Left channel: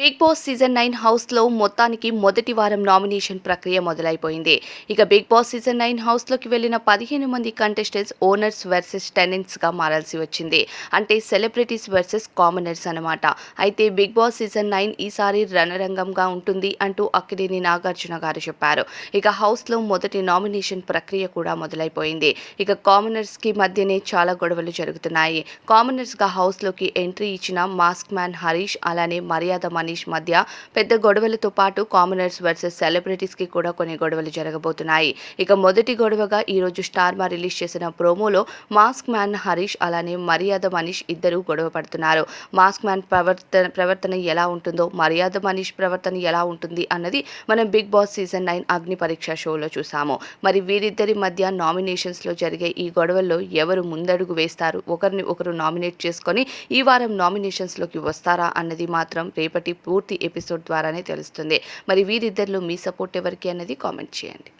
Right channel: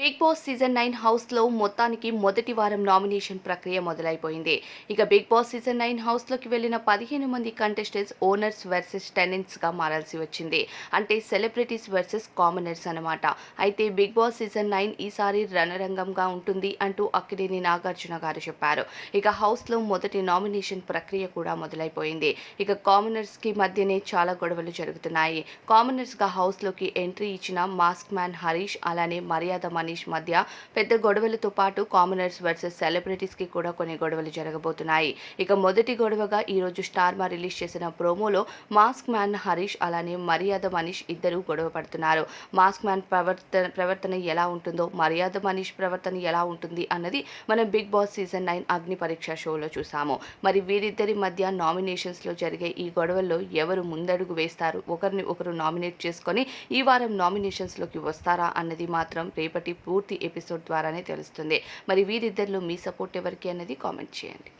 Big boss season 9 హౌస్లో మొత్తానికి మొదటి వారం నామినేషన్ ప్రక్రియ మొదలైపోయింది. ఇక బిగ్ బాస్ సీజన్ 9 హౌస్లోకి వెళ్లిన 15 మంది కంటెస్టెంట్స్ ఓనర్స్ వర్సెస్ టెనెంట్స్గా మారాల్సి వచ్చింది. అంటే సెలబ్రిటీస్ వర్సెస్ కామనర్స్ అన్నమాట. అయితే బిగ్ బాస్ సీజన్ 9 ఈసారి రణరంగంగా ఉంటుంది అంటూ అక్కినేని నాగార్జున గారు చెప్పారు. ఇక హౌస్లో మొదటి నామినేషన్ ప్రక్రియ కూడా మొదలైపోయింది. ఇక కామనర్స్కి మధ్యనే చాలా గొడవలు జరుగుతున్నాయి. కామనర్స్గా హౌస్లోకి ఎంట్రీ ఇచ్చిన మాస్క్ మ్యాన్ హరీష్ అలానే మర్యాద మనీష్ మధ్య పెద్ద గొడవలతో పాటు కామనర్స్ వర్సెస్ సెలబ్రిటీస్ కి కూడా కొన్ని గొడవలు జరగబోతున్నాయి. ఇక మొదటి గొడవగా ఈరోజు స్టార్మా రిలీజ్ చేసిన ప్రోమోలో మాస్క్ మ్యాన్ హరీష్ అలానే మర్యాద మనీష్ ఇద్దరు గొడవ పడుతున్నారు. మాస్క్ మ్యాన్ ప్రవర్తన ఎలా ఉంటుందో, మర్యాద మనీష్ ప్రవర్తన ఎలా ఉంటుంది అన్నది మనం బిగ్ బాస్ సీజన్ 9 అగ్ని పరీక్ష షోలో చూసాము. మరి వీరిద్దరి మధ్య నామినేషన్స్ లో జరిగే ఈ గొడవల్లో ఎవరు ముందడుగు వేస్తారు, ఒకరిని ఒకరు నామినేట్ చేసుకొని ఈ వారం నామినేషన్స్ లోకి వస్తారా అన్నది మాత్రం రేపటి పూర్తి ఎపిసోడ్ ద్వారానే తెలుస్తుంది. మరి వీరిద్దరిలో మీ సపోర్ట్ ఎవరికి అన్నది కామెంట్ చేయండి.